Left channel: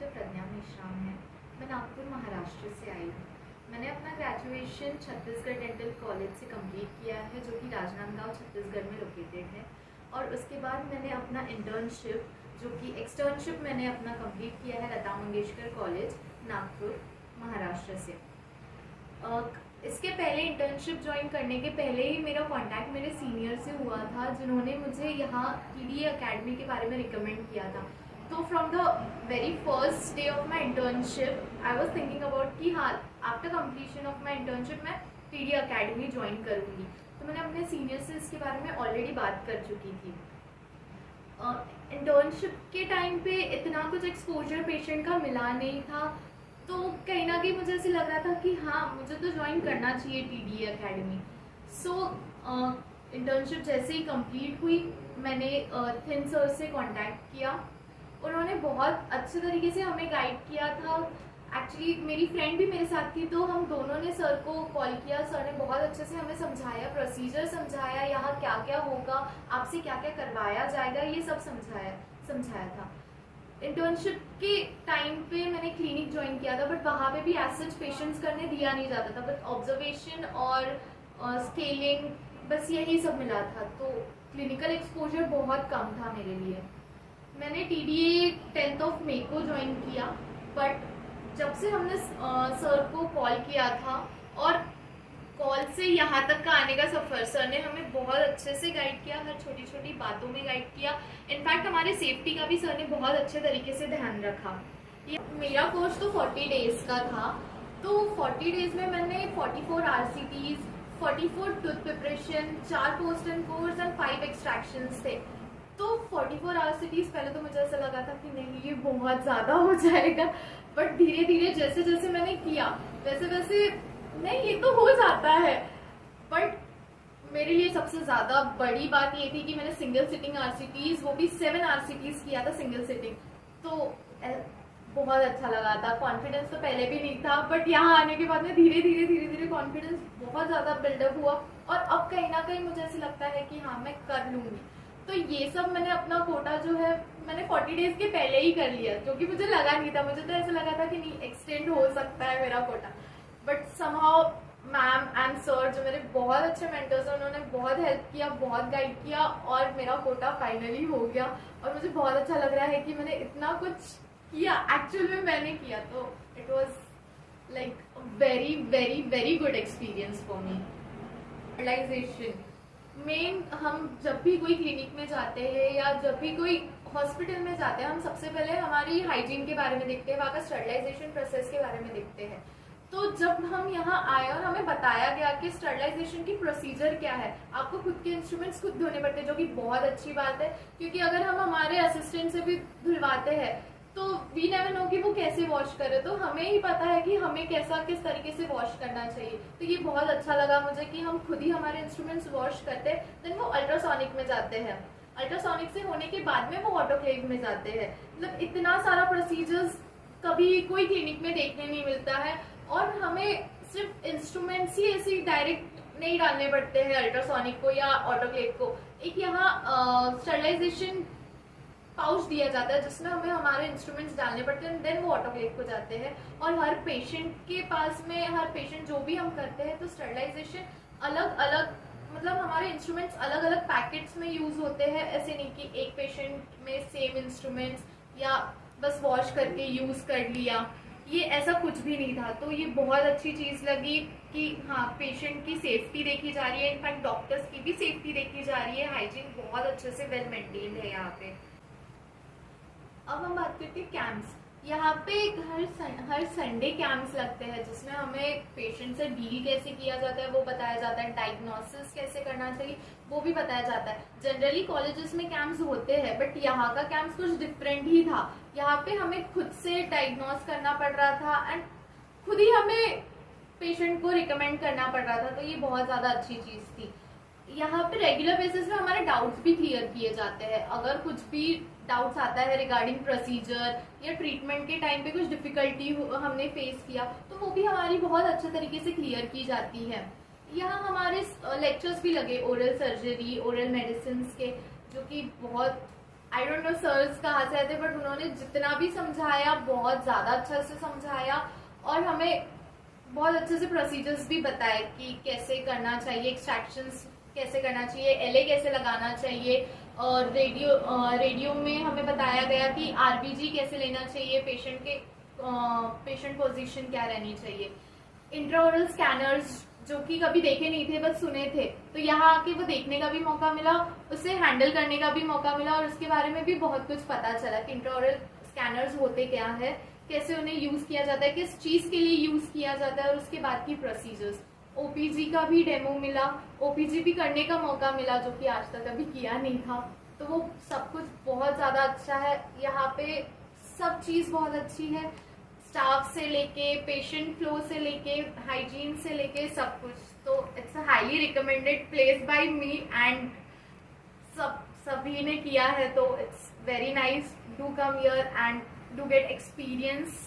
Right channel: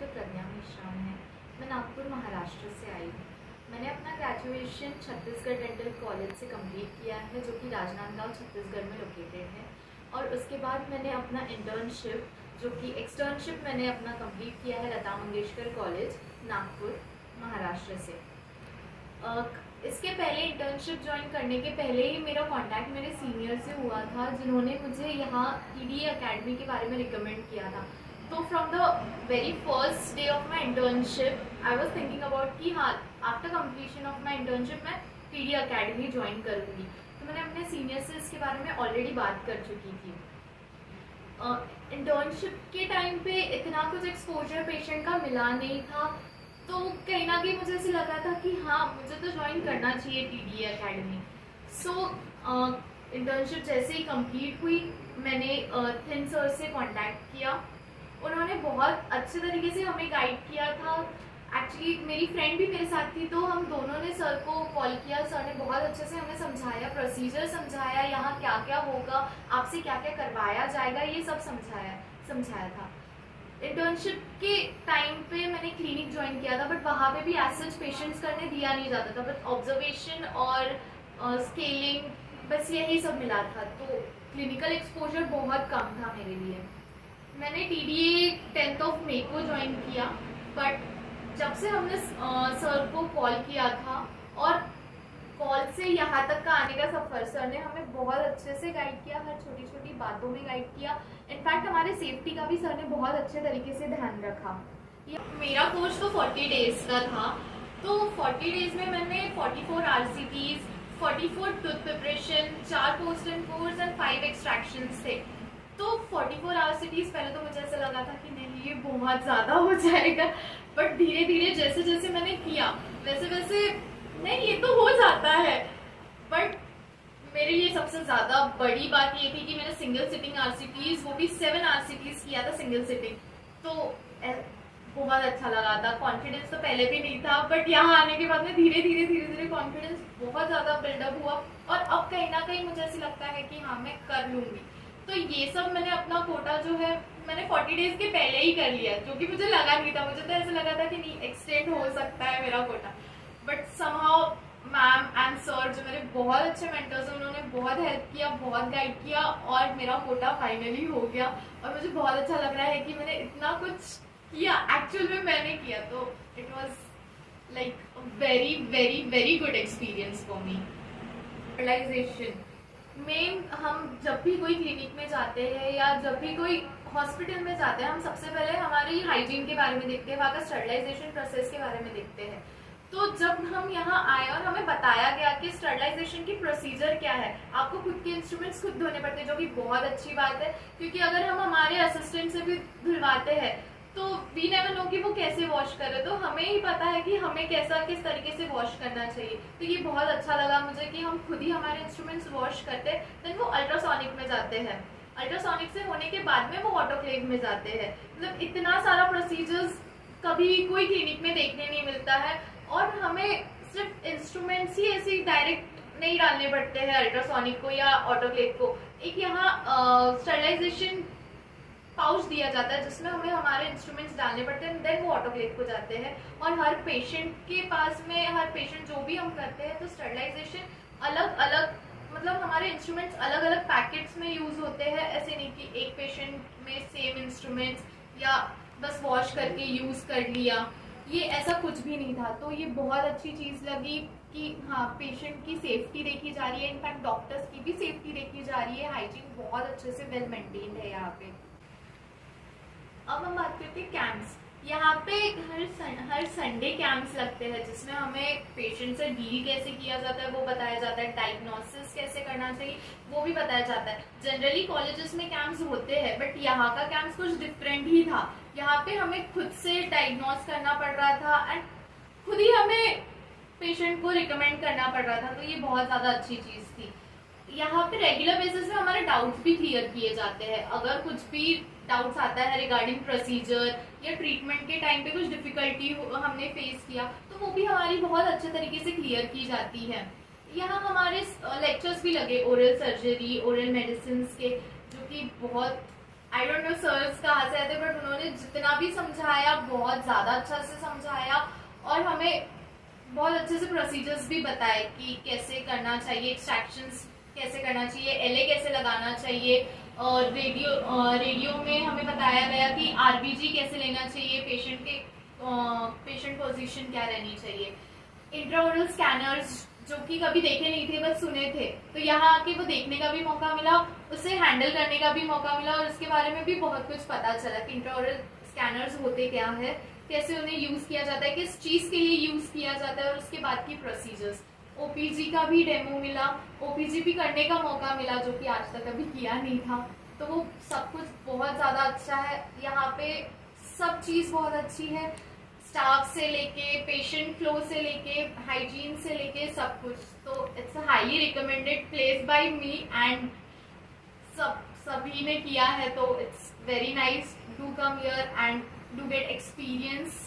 Doctor प्रज्ञा मिश्रा है। मैं नागपुर महाराष्ट्र से आई हूँ। मैंने अपना ग्रेजुएशन छत्तीसगढ़ डेंटल कॉलेज से कंप्लीट किया है, जो कि राजनांदगांव छत्तीसगढ़ में लोकेटेड है। और उसके बाद मैंने अपना इंटर्नशिप, जो कि एक्सटर्नशिप मैंने अपना कंप्लीट किया है लता मंगेशकर कॉलेज नागपुर महाराष्ट्र से। इसके पहले इंटर्नशिप ज्वाइन करने के पहले ही मेरा कांटेक्ट मेरे सीनियर से हुआ था, जिन्होंने मुझे यहाँ TDA अकेडमी के बारे में रिकमेंड किया था। तो from the very first day of my internship I was thinking about कि हाँ, after completion of my internship मैं TDA अकेडमी ज्वाइन करूँगी। तो मैंने अपने सीनियर से इसके बारे में ऑलरेडी बात कर चुकी थी। इंटर्नशिप के टाइम पे इतना कुछ एक्सपोजर पेशेंट का मिला नहीं था, तो कहीं ना कहीं मुझे ऐसे लगा था कि हाँ, मुझे तो ज्वाइन करना चाहिए TDA अकेडमी। सो इंटर्नशिप जैसे ही कंप्लीट हुई, मैंने थिन सर से कांटेक्ट किया। उन्होंने बहुत अच्छे तरीके से हमें गाइड किया था। एक्चुअली मेरी फ्रेंड भी मेरे साथ थी, तो हम दोनों ने सर को कॉल किया। सर ने बहुत अच्छे से हमें समझाया, प्रोसीजर समझाया, यहाँ क्या क्या होगा, आपसे क्या क्या करवाया जाएगा, ये सब समझाया था। इंटर्नशिप के टाइम पे मैंने क्लिनिक ज्वाइन किया था, बट वहाँ पे भी एज सच पेशेंट्स करने दिया नहीं जाता था, बट ऑब्जर्वेशन और स्केलिंग, बस यही सब मिला था। तो क्लिनिकल एक्सपोजर बहुत कम था मेरे लिए। मैंने TDA 10 मई को ज्वाइन किया, बट जब से हमने सर को कॉल किया था और कॉल से यहाँ तक का आने का सफ़र, सर ने हमें बहुत अच्छे से गाइड किया, हर छोटी छोटी बातों में गाइड किया। इनफैक्ट हमारे सेफ्टी का भी सर ने बहुत अच्छे तरीके से ध्यान रखा। मेरा कोर्स तो 40 डेज का था, तो 40 डेज में मैंने 44 RCTs, 44 tooth preparation, 4 post and course and 5 extractions थे। तो 44 RCTs पहले तो मुझे ऐसा लगा था कि नहीं, ये बहुत ज़्यादा हो जाएगा, बट धीरे धीरे जैसे जैसे मैंने किया वैसे वैसे नहीं, ये तो हो जाता है। बट मेरे लिए सबसे ज़्यादा बड़ी बात ये थी कि मैंने सिंगल सिटिंग RCTs, वो भी 7 RCTs किया था सिंगल सिटिंग। तो बहुत अच्छा लगा था। कॉन्फिडेंस तो पहले भी नहीं था, बट यहाँ आने के बाद में धीरे धीरे कॉन्फिडेंस बहुत ज़्यादा बिल्डअप हुआ, और अब कहीं ना कहीं मुझे ऐसे लगता है कि हाँ, मैं कर लूँगी। तो ये सब मैंने अपना कोटा जो है मैंने 40 डेज के पहले ही कर लिया, जो कि मुझे लगा नहीं था। मुझे तो ऐसा लगा था कि नहीं, एक्सटेंड हो सकता है मेरा Kota, but somehow ma'am and sir, जो मेरे बहुत अच्छे मेंटर्स हैं, उन्होंने बहुत हेल्प किया, बहुत गाइड किया, और मेरा कोटा फाइनली हो गया। और मुझे बहुत अच्छा लग रहा है कि मैंने इतना कुछ किया, एक्चुअल में मैंने किया। तो it was like very very very good experience for me. Realization मेन, हम जब भी कोई क्लिनिक में जाते हैं या जब भी कोई हॉस्पिटल में जाते हैं, हम सबसे पहले हमारी हाइजीन के बारे में देखते हैं, वहाँ का स्टरलाइजेशन प्रोसेस के बारे में देखते हैं। तो जब हम यहाँ आए और हमें बताया गया कि स्टरलाइजेशन की प्रोसीजर क्या है, आपको खुद के इंस्ट्रूमेंट्स खुद धोने पड़ते हैं, जो कि बहुत अच्छी बात है, क्योंकि अगर हम हमारे असिस्टेंट से भी धुलवाते हैं तो वी नेवर नो कि वो कैसे वॉश करे, तो हमें ही पता है कि हमें किस तरीके से वॉश करना चाहिए। तो ये बहुत अच्छा लगा मुझे कि हम खुद ही हमारे इंस्ट्रूमेंट्स वॉश करते हैं। देन वो अल्ट्रासोनिक में जाते हैं, अल्ट्रासोनिक से होने के बाद में वो ऑटोक्लेव में जाते हैं। मतलब इतना सारा प्रोसीजर्स कभी कोई क्लिनिक में देखने नहीं मिलता है, और हमें सिर्फ इंस्ट्रूमेंट्स ही ऐसे डायरेक्ट नहीं डालने पड़ते हैं अल्ट्रासोनिक को या ऑटोक्लेव को। एक यहाँ स्टरलाइजेशन पाउच दिया जाता है, जिसमें हमें हमारे इंस्ट्रूमेंट्स डालने पड़ते हैं, देन वो ऑटोक्लेव को जाते हैं। और हर पेशेंट के पास में, हर पेशेंट जो भी हम करते हैं, तो स्टरलाइजेशन अलग अलग, मतलब हमारे इंस्ट्रूमेंट्स अलग अलग पैकेट्स में यूज होते हैं। ऐसे नहीं कि एक पेशेंट में सेम इंस्ट्रूमेंट्स या बस वॉश करके यूज कर लिया, ये ऐसा कुछ भी नहीं था। तो ये बहुत अच्छी चीज़ लगी कि हाँ, पेशेंट की सेफ्टी देखी जा रही है, इनफैक्ट डॉक्टर्स की भी सेफ्टी देखी जा रही है। हाइजीन बहुत अच्छे से वेल मेंटेन्ड है यहाँ पे। अब हम बात करते हैं कैंप्स। यहाँ पे हर संडे कैंप्स लगते हैं, जिसमें हमें पेशेंट से डील कैसे किया जाता है वो बताया जाता है, डायग्नोसिस कैसे करना चाहिए वो भी बताया जाता है। जनरली कॉलेजेस में कैंप्स होते हैं, बट यहाँ का कैंप्स कुछ डिफरेंट ही था। यहाँ पे हमें खुद से डायग्नोस करना पड़ रहा था एंड खुद ही हमें पेशेंट को रिकमेंड करना पड़ रहा था, तो ये बहुत ज़्यादा अच्छी चीज़ थी। यहाँ पे रेगुलर बेसिस पे हमारे डाउट्स भी क्लियर किए जाते हैं। अगर कुछ भी डाउट्स आता है रिगार्डिंग प्रोसीजर या ट्रीटमेंट के टाइम पे कुछ डिफिकल्टी हमने फेस किया, तो वो भी हमारी बहुत अच्छे तरीके से क्लियर की जाती है। यहाँ हमारे लेक्चर्स भी लगे ओरल सर्जरी, ओरल मेडिसिन के, जो कि बहुत आई डोंट नो सर्स कहाँ से आए थे, बट उन्होंने जितना भी समझाया बहुत ज़्यादा अच्छा से समझाया और हमें बहुत अच्छे से प्रोसीजर्स भी बताए कि कैसे करना चाहिए, एक्सट्रैक्शंस कैसे करना चाहिए, एलए कैसे लगाना चाहिए, और रेडियो में हमें बताया गया कि आरबीजी कैसे लेना चाहिए, पेशेंट पोजीशन क्या रहनी चाहिए, इंट्राओरल स्कैनर्स जो कि कभी देखे नहीं थे बस सुने थे, तो यहाँ आके वो देखने का भी मौका मिला, उसे हैंडल करने का भी मौका मिला और उसके बारे में भी बहुत कुछ पता चला कि इंट्राओरल स्कैनर्स होते क्या है, कैसे उन्हें यूज किया जाता है, किस चीज के लिए यूज किया जाता है और उसके बाद की प्रोसीजर्स। ओपीजी का भी डेमो मिला, ओपीजी भी करने का मौका मिला जो कि आज तक कभी किया नहीं था, तो वो सब कुछ बहुत ज़्यादा अच्छा है यहाँ पे, सब चीज़ बहुत अच्छी है, स्टाफ से लेके पेशेंट फ्लो से लेके हाइजीन से लेके सब कुछ, तो it's a highly recommended place by me and सभी ने किया है, तो it's very nice, do come here and do get experience